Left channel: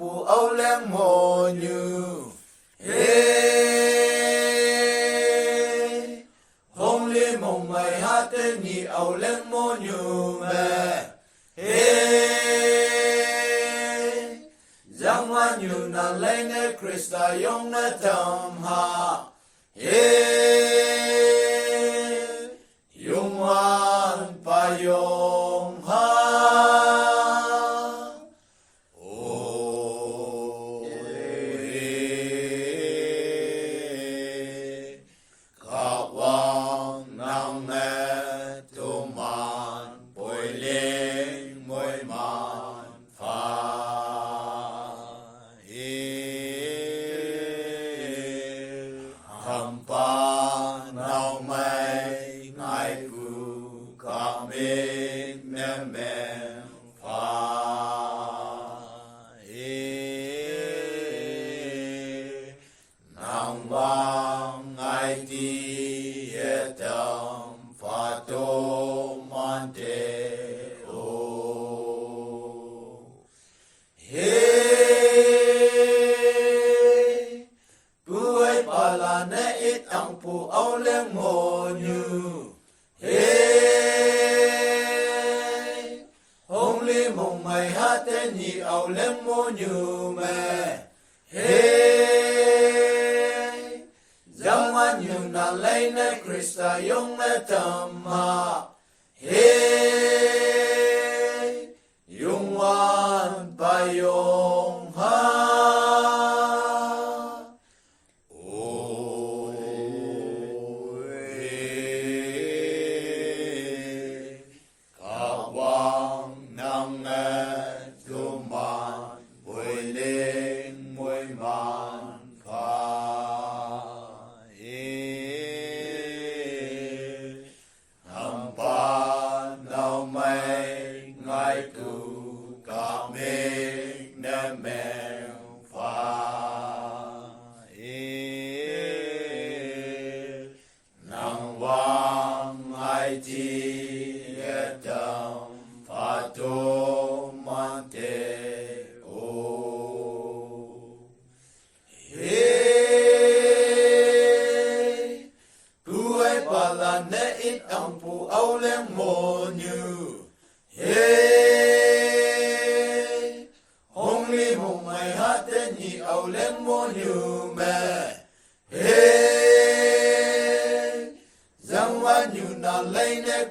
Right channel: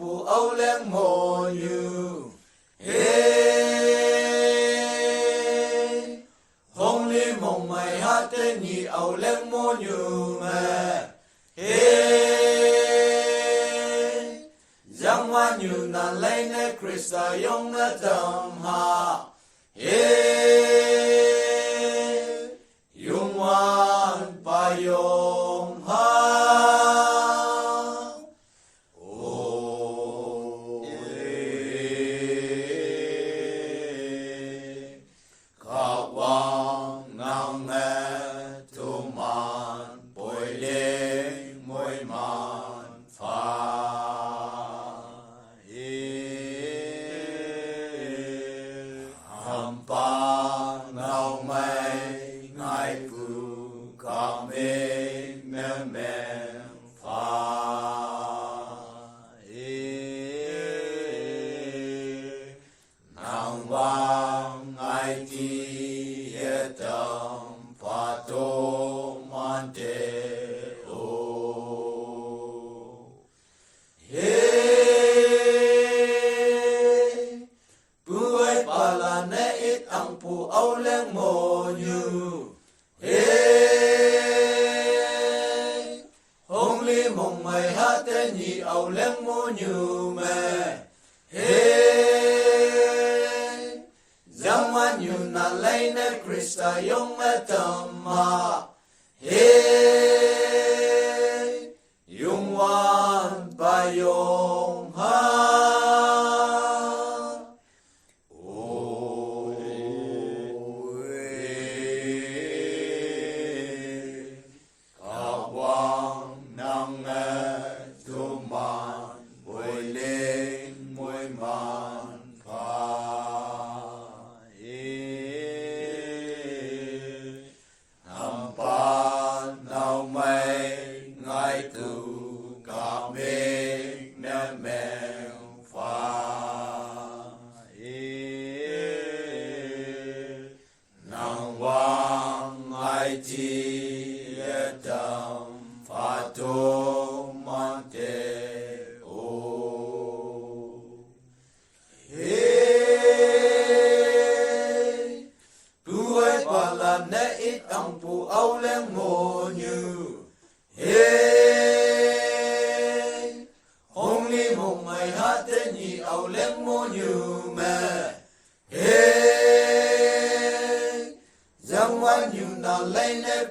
phụ âu leng mồ như hong li mong mai ha te ni âu leng mồ như mẹ giang hoa như na lấy nè Christa yong na tam ha yong wan pa yong ha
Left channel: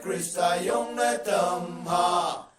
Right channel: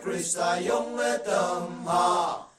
Christa yong na tam ha